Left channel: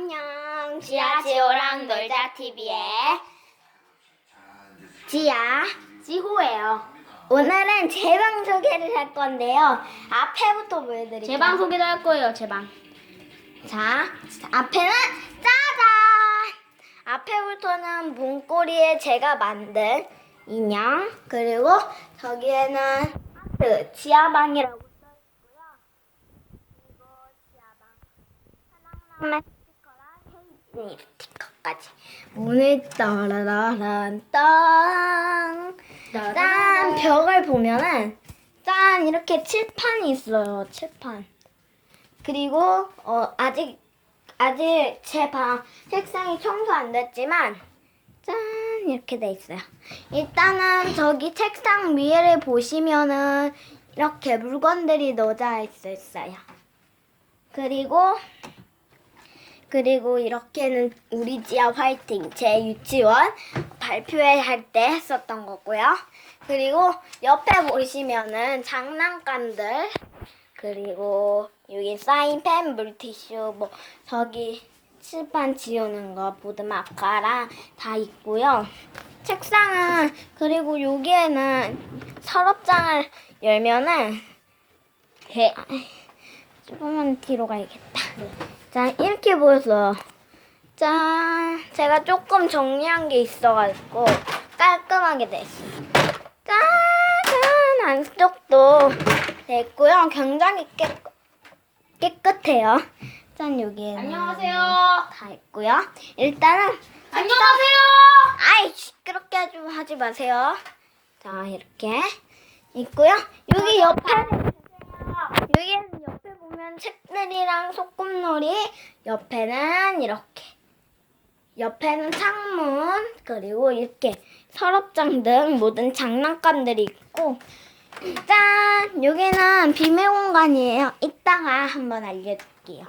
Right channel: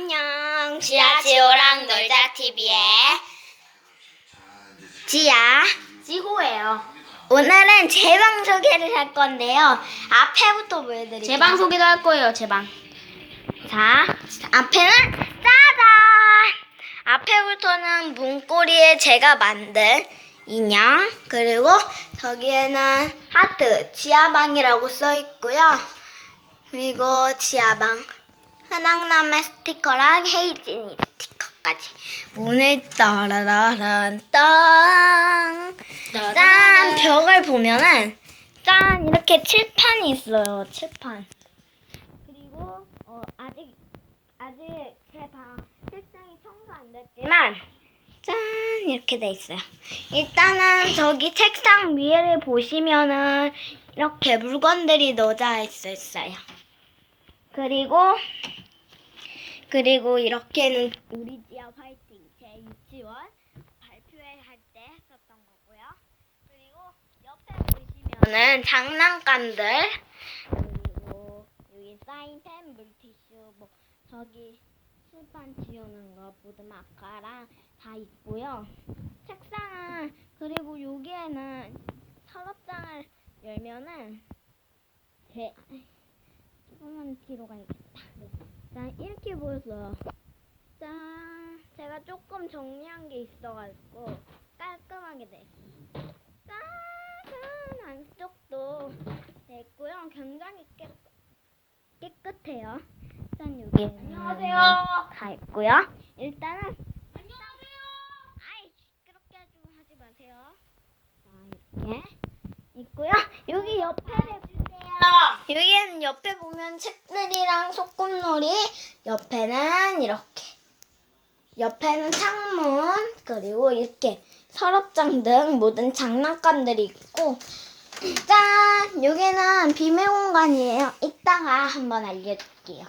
안녕. 지아 지호랑 놀자 TV의 지아 지호예요. 오늘은 제 방 소개를 할 건데요. 앞에부터 보여드릴게요. 제 방 소개도 할 거예요. 제 방. 자, 앞에는 짜잔! 앞에부터는 문고리에 제가 만든 인형 그리고 저기에는 하트 지하방이라고 써 있고요. 그리고 지하방 흔한남의 스티커랑 헤이진이 스티커까지 문을 따라 라란 땅. 짠 벽을 보면은 짠 이렇게 칠판이 있어요. 칠판. 그리고 어 아직 아직 제 방 책상이 청소 안 됐지만 짠 이렇게 돼 있어요. 일단은 저기 책상 위를 보시면은 이렇게 물건들이 넣어져 있어요. 그리고 그리고 이렇게는 우리 지아 화이팅 제 유치원 발표회 할 때 했었던 거고요. 그리고 옆에 보시면은 장난감들 그리고 여기 사인펜, 물티슈, 뭐 저기 칠판 지우는 거 보드 마카랑 다 있고요. 책상은 그리고 여기에는 서랍장을 열면은 개 조금만 뒤로 가야겠다. 자 이렇게 보였어요. 짠 제가 조금 정리한 게 있어가지고 깔끔하게 됐어요. 짜잔 안쪽도 됐고요. 굉장히 깨, 깨끗해요. 짠 여기에는 안녕하세요. 다 있고요. 일단은 안녕하세요. 아이 시끄럽게 하지, 하지 마세요. 자 이렇게 있고요. 여기 옆에 여기는 옆에 보면 책들이랑 소꿉놀이 옆에는 이렇게 옆에는 창문 그리고 이렇게 서랍장 등 모든 장난감들이 있고. 짠! 여기는 비밀 공간이에요. 이따가 한번 알려줄게요.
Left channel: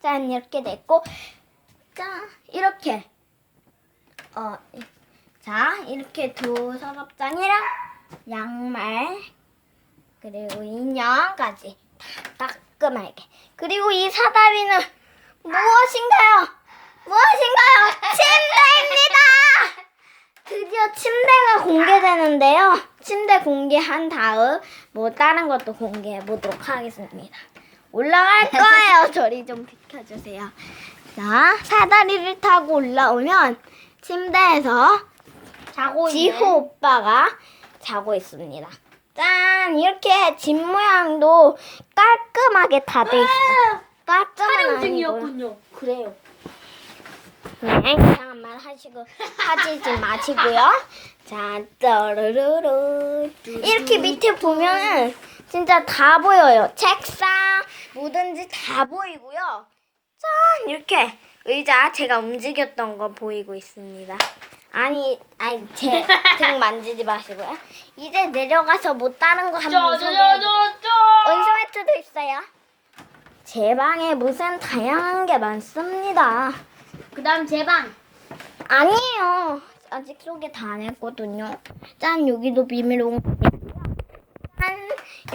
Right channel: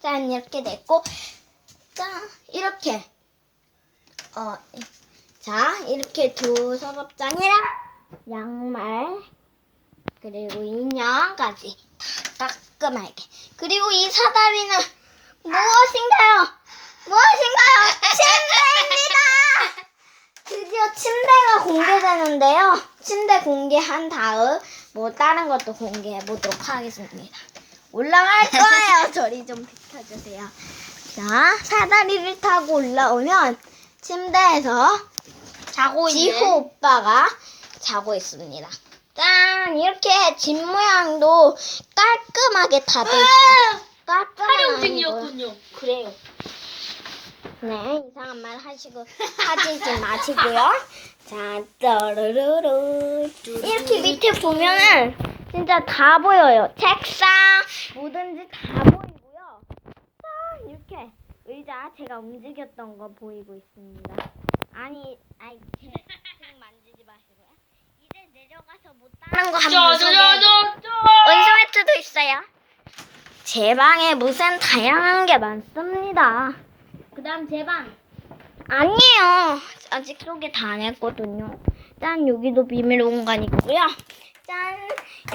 짠! 이렇게 됐고. 짠! 이렇게. 어, 자, 이렇게 두 서랍장이랑 양말, 그리고 인형까지 다 깔끔하게. 그리고 이 사다리는 무엇인가요? 무엇인가요? 침대입니다! 드디어 침대가 공개되는데요. 침대 공개한 다음, 뭐 다른 것도 공개해 보도록 하겠습니다. 올라갈 거예요. 저리 좀 비켜주세요. 자, 사다리를 타고 올라오면 침대에서 자고 지호 오빠가 자고 있습니다. 짠! 이렇게 집 모양도 깔끔하게 다 돼 있어요. 깔끔한 아니고요. 그래요. 네, 이상한 말 하시고 하지 마시고요. 자, 떠르르르. 이렇게 밑에 보면은 진짜 다 보여요. 책상, 뭐든지 다 보이고요. 짠! 이렇게 의자 제가 움직였던 거 보이고 있습니다. 아니, 아니, 제 등 만지지 마시고요. 이제 내려가서 뭐 다른 거 한번 소개해 원소매트도 있어요. 제 방에 무슨 다양한 게 많습니다. 그다음 제 방. 아니에요. 아직 소개 다 안 했거든요. 짠, 여기도 비밀 공간이고요. 짠,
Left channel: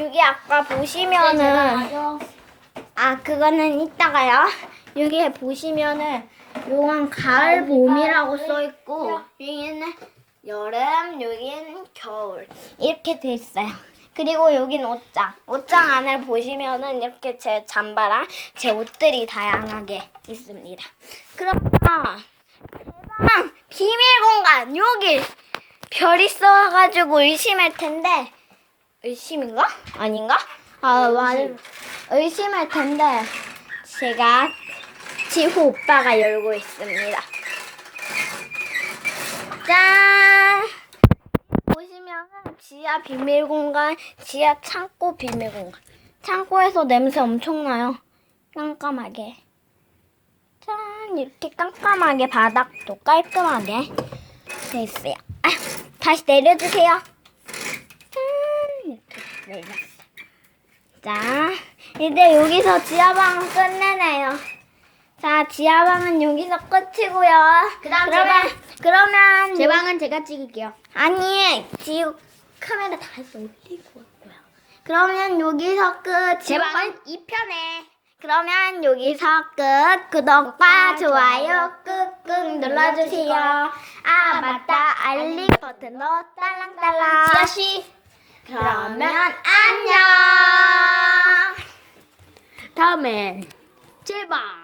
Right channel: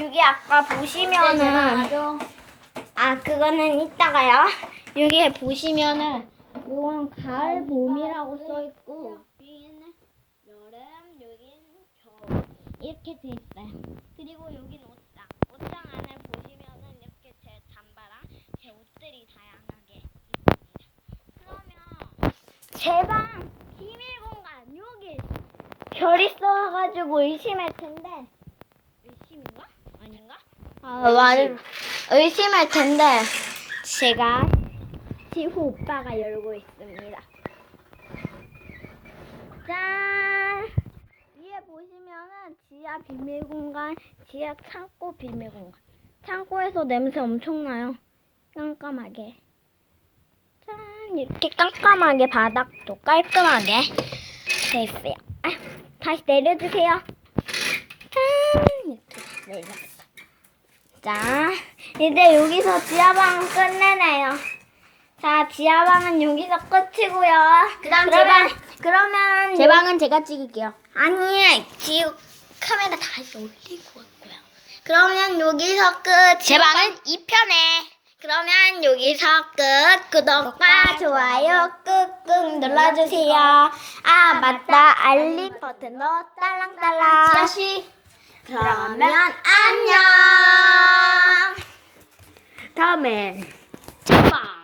여기 아까 보시면은. 아, 그거는 이따가요. 여기 보시면은, 요건 가을 봄이라고 써 있고, 여기는 여름, 여기는 겨울. 이렇게 돼 있어요. 그리고 여긴 옷장. 옷장 안을 보시면은 이렇게 제 잠바랑 제 옷들이 다양하게 있습니다. 그러면 제 방 비밀 공간 여기 별 있어가지고 의심할 텐데 의심인가? 아닌가? 아 말 의심할 텐데 제가 지호 오빠가 열고 있습니다. 짠! 위에 보시면은 지하 비밀 공간, 지하 창고 비밀 공간. 창고에서 냄새 엄청 나요. 깜깜하게. 짠! 이렇게 깜깜하게 바닥도 깔끔하게 돼 있어요. 아, 다시 내려주세요. 짠! 이렇게 내렸어. 자, 이제 여기서 지하방은 끝내네요. 자, 지하방은 여기서 끝이고요. 그다음 그러면 그러면 제 방은 제가 찍을게요. 아니, 지금 카메라 다시 올릴 것 같고요. 그러면 여기서 끝. 제 방은 2편에. 그러면 여기서 끝. 구독과 좋아요 꾹꾹 눌러주세요. 아, 맞다. 알림 버튼도 딸랑딸랑. 지아씨. 그러면 안녕. 다음엔 제방.